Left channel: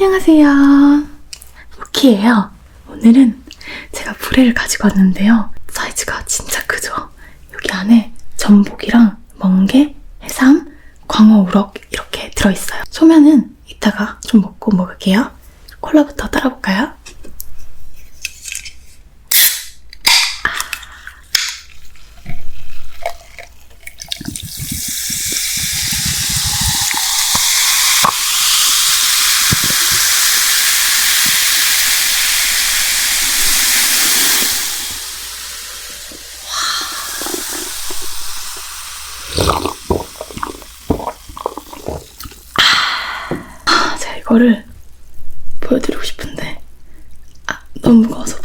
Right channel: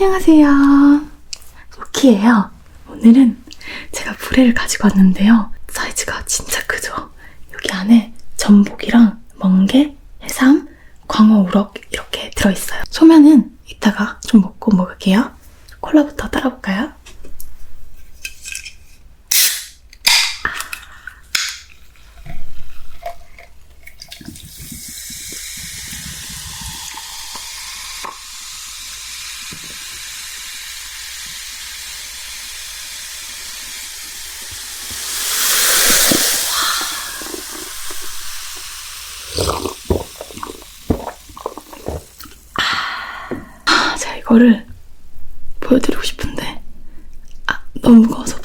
안녕하세요. 루키예요. 오늘은 제가 불회를 가지고 왔는데요. 사이즈가 진짜 크죠? 여기 안에 전복이랑 멍게, 해삼, 광어 우럭 이렇게 들어있어요. 소면은 이따가 좀 먹고 먹을게요. 콜라부터 따라볼까요? 아, 제가 이거를 보여드리고 싶은데. 아, 너무 무거워서